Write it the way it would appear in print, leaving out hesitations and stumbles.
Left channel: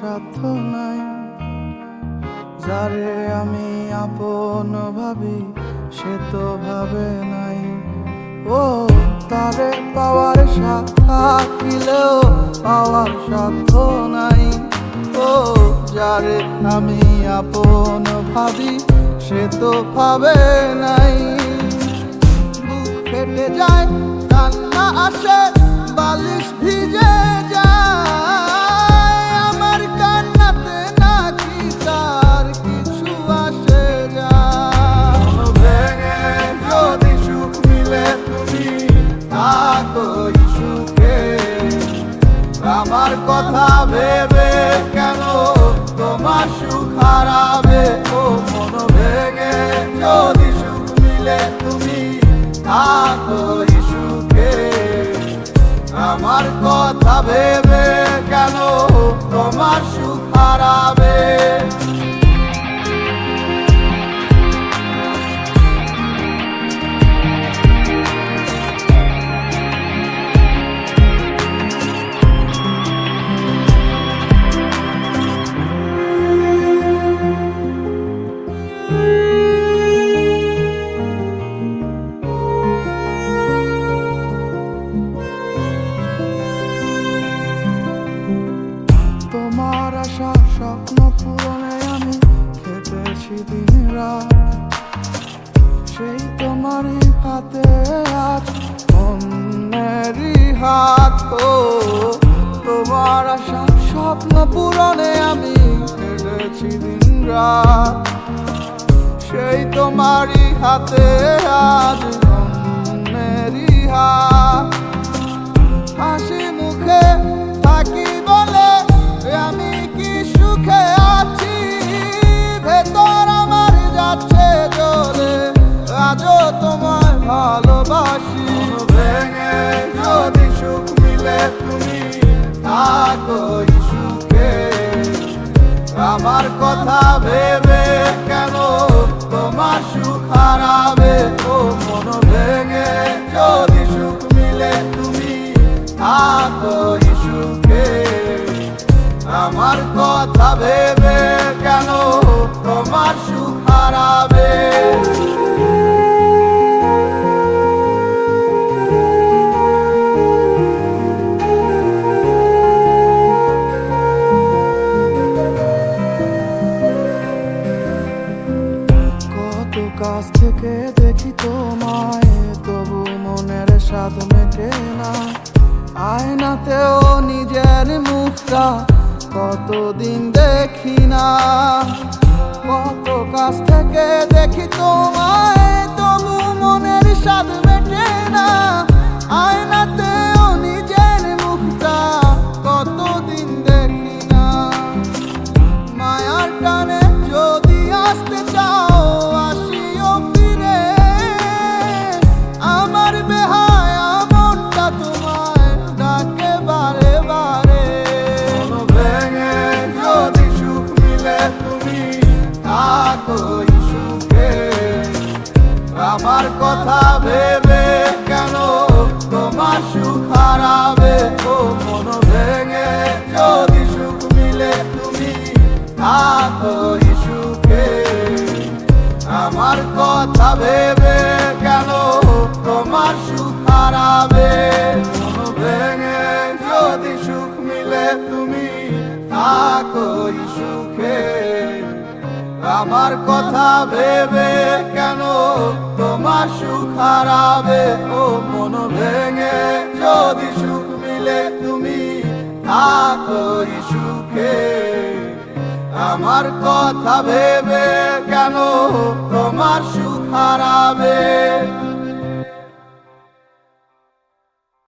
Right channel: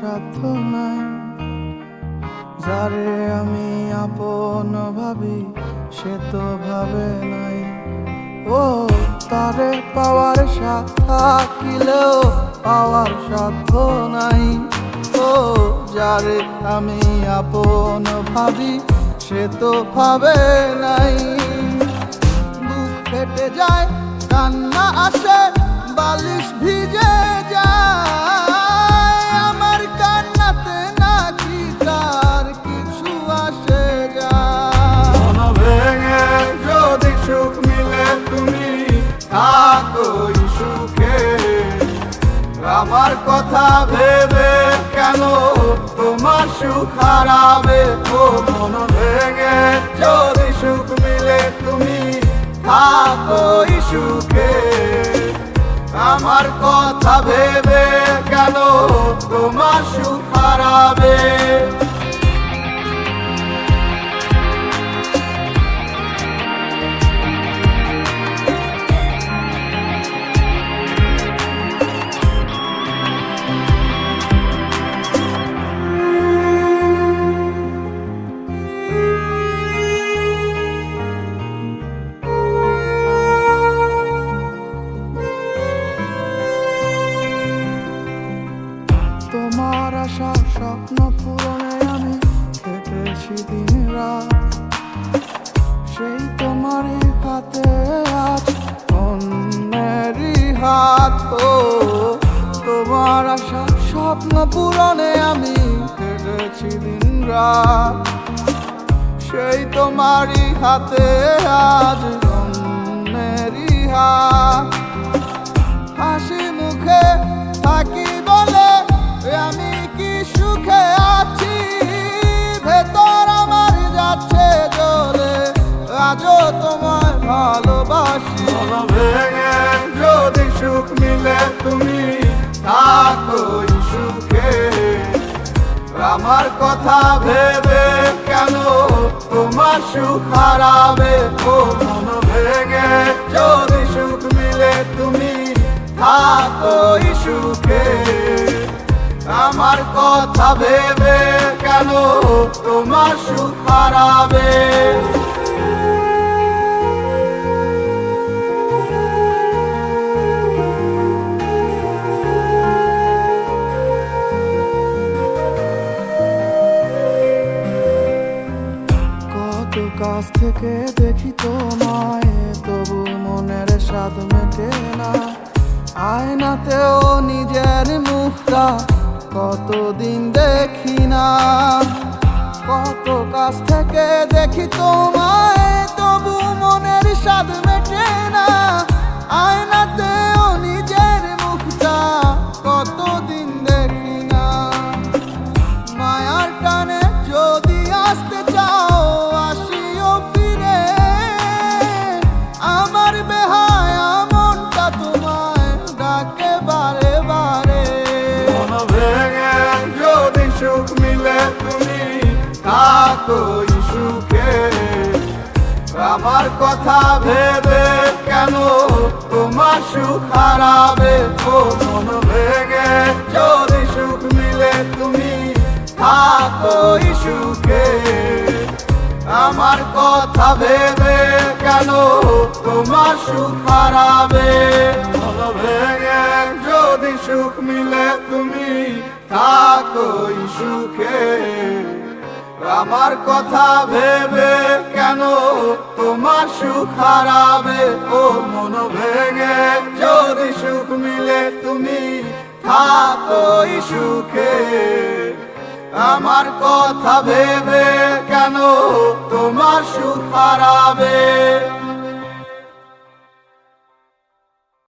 সাধ্য নাই। যারে আমি আপন ভাবি সে তো ভাবে নাই। ও তারে পাওয়ার সাথ থাকিলেও পাওয়ার সাধ্য নাই। ও যারে আমি আপন ভাবি সে তো ভাবে নাই। বুক ফেটে যায়, কান্না আসে, বালিশ ভিজে যায়। আমার কান্নাতে নাকি তার কিছু আসে যায়। মন ভেঙে যদি সুখ মিলে তুমি থাকো সুখে, আমার কথা ভেবে কেন তোমার সুখ হারাবে? ও মন ভেঙে যদি সুখ মিলে তুমি থাকো সুখে, আমার কথা ভেবে কেন তোমার সুখ হারাবে? তোমার আশা স্বপ্ন পূরণে আমি কেটেছি দিন রাত। সেই তোমারই হাতে আজ অন্যেরই হাত। ও তোমার আশা স্বপ্ন পূরণে আমি কেটেছি দিন রাত। সেই তোমারই হাতে আজ অন্যেরই হাত। হাসি মুখে থাকি বলে আমি কি সুখে আছি, ভেতর আমার যাচ্ছে জ্বলে, আজও তোমায় ভালোবাসি। মন ভেঙে যদি সুখ মিলে তুমি থাকো সুখে, আমার কথা ভেবে কেন তোমার সুখ হারাবে? ও মন ভেঙে যদি সুখ মিলে তুমি থাকো সুখে, আমার কথা ভেবে কেন তোমার সুখ হারাবে? কত কাছ থেকে দেখি তোমায়, তবু মনের স্বাদ মেটে না। আয়নাতেও নিজের মুখটা কতদিন দেখি না। কত কাছ থেকে দেখি তোমায়, তবু মনের স্বাদ মেটে না। আয়নাতেও নিজের মুখটা কতদিন দেখি না। মায়ার টানে যদি আসতে চাও আসিও ফিরে, আমার বেহায়া মনটা তোমায় ডাকে বারে বারে। মন ভেঙে যদি সুখ মিলে তুমি থাকো সুখে, আমার কথা ভেবে কেন তোমার সুখ হারাবে? ও মন ভেঙে যদি সুখ মিলে তুমি থাকো সুখে, আমার কথা ভেবে কেন তোমার সুখ হারাবে? মন ভেঙে যদি সুখ মিলে তুমি থাকো সুখে, আমার কথা ভেবে কেন তোমার সুখ হারাবে? ও মন ভেঙে যদি সুখ মিলে তুমি থাকো সুখে, আমার কথা ভেবে কেন তোমার সুখ হারাবে?